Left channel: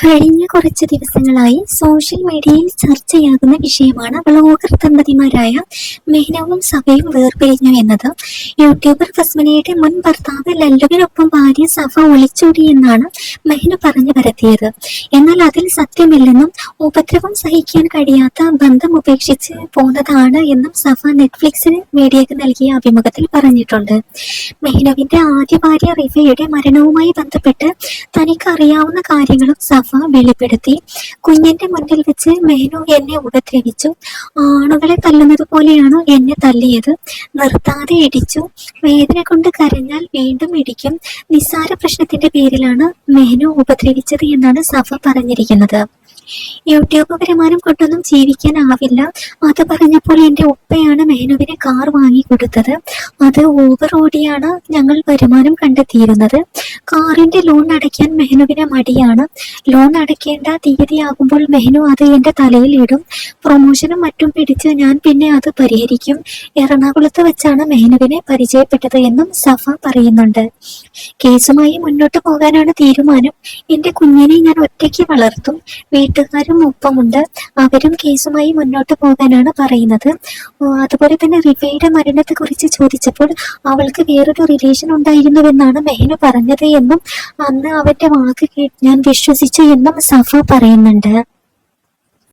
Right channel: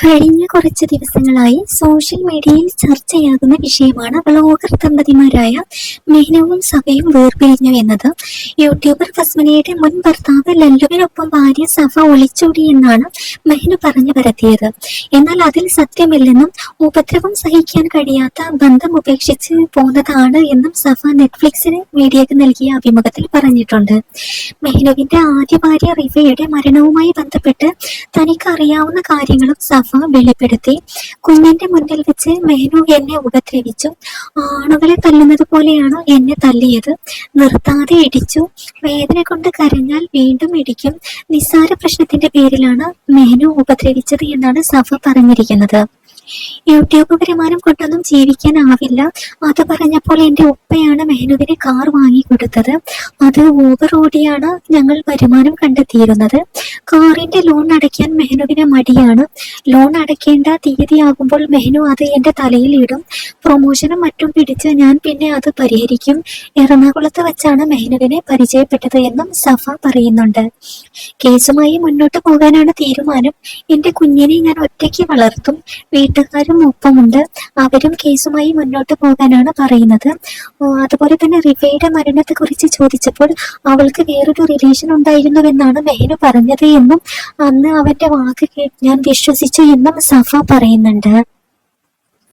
കഴിഞ്ഞ കുറച്ച് ദിവസങ്ങളായി സോഷ്യൽ മീഡിയയിൽ ചർച്ചയാകുന്ന വിഷയമാണ് വ്ളോഗർ ദമ്പതിമാരായ മെഹ്നവും സഫയും വേർപിരിഞ്ഞു എന്നത്. യൂട്യൂബർ ഫസ്മിനയുടെ മുൻ ഭർത്താവ് ലല്ലുവിനൊപ്പം ഭാര്യ സഫ ഒളിച്ചോടി എന്നാണ് മെഹ്നു പറഞ്ഞു പരത്തിയത്. എന്നാൽ അതിൽ സത്യമില്ലെന്നും ഉപദ്രവം സഹിക്കാൻ കഴിയാത്ത ബന്ധം ഉപേക്ഷിച്ച് പോന്നതാണ് എന്നും സഫ നെറ്റ്ഫ്ലിക്സിന് മീഡിയക്ക് നൽകിയ അഭിമുഖത്തിൽ പറഞ്ഞിട്ടുണ്ട്. മെഹ്നുവിന്റെ ആദ്യ ഭാര്യ റിഫയുടെ മരണവുമായി ബന്ധപ്പെട്ട് തനിക്ക് അറിയാവുന്ന കാര്യങ്ങളും സഫ വെളിപ്പെടുത്തി. കുഞ്ഞിന്റെ മുന്നിൽ വെച്ച് മെഹ്നു എന്നെ ഉപദ്രവിച്ചു. ആണുകളെ തല്ലുന്നത് പോലെയാണ് എന്നെ തല്ലിയത്. നിർത്താതെ ഇടിച്ചു. വേദന കൊണ്ട് കരഞ്ഞാൽ വീണ്ടും ഇടിക്കും. നിസ്സാര പ്രശ്നത്തിന്റെ പേരിലാണ് മെഹ്നു ഉപദ്രവിച്ചത് എന്നാണ് സഫ പറഞ്ഞിരിക്കുന്നത്. യൂട്യൂബ് വരുമാനം കൊണ്ടൊന്നും ജീവിക്കാനാവില്ല. അത് പറഞ്ഞപ്പോൾ എന്റെ ഉപ്പയാണ് മെഹ്നുവിന് കാർ വാങ്ങിക്കൊടുത്തത്. അത് ഓവർ ഓടിയാണ് ഞങ്ങൾ വരുമാനം കണ്ടെത്തിയിരുന്നത്. കാറിന്റെ ലോൺ അടയ്ക്കാൻ മെഹ്നുവിന് മടിയാണ്. ലോൺ അടയ്ക്കേണ്ട തീയതിയാകുമ്പോൾ മെഹ്നു അത് എന്റെ തലയിൽ ഇടും. പ്രൊമോഷനും മറ്റും പിടിച്ച് ഞാൻ പിന്നെ അത് പരിഹരിക്കും. എറണാകുളത്ത് വെച്ചാണ് മെഹ്നുവിനെ പരിചയപ്പെട്ടത് എന്നും സഫ പറയുന്നുണ്ട്. കേസുമായി മുന്നോട്ട് പോകാനാണ് തീരുമാനം. എന്റെ കുഞ്ഞിനെ ഞാൻ ഒറ്റയ്ക്ക് വളർത്തും. വീട്ടുകാരും ഒപ്പമുണ്ട്. അവരും കേസുമായി മുന്നോട്ട് പോകാനാണ് പറയുന്നത്. അതുപോലെ തന്നെ റിഫയുടെ മരണത്തെ കുറിച്ച് ചോദിച്ചപ്പോൾ അവൾക്ക് വേറൊരു റിലേഷൻ ഉണ്ടായിരുന്നുവെന്നാണ് മെഹ്നു പറഞ്ഞത് എന്നും അന്ന് അവന്റെ വാക്ക് ഞാൻ വിശ്വസിച്ചു എന്നും സഫ പറയുന്നുണ്ട്.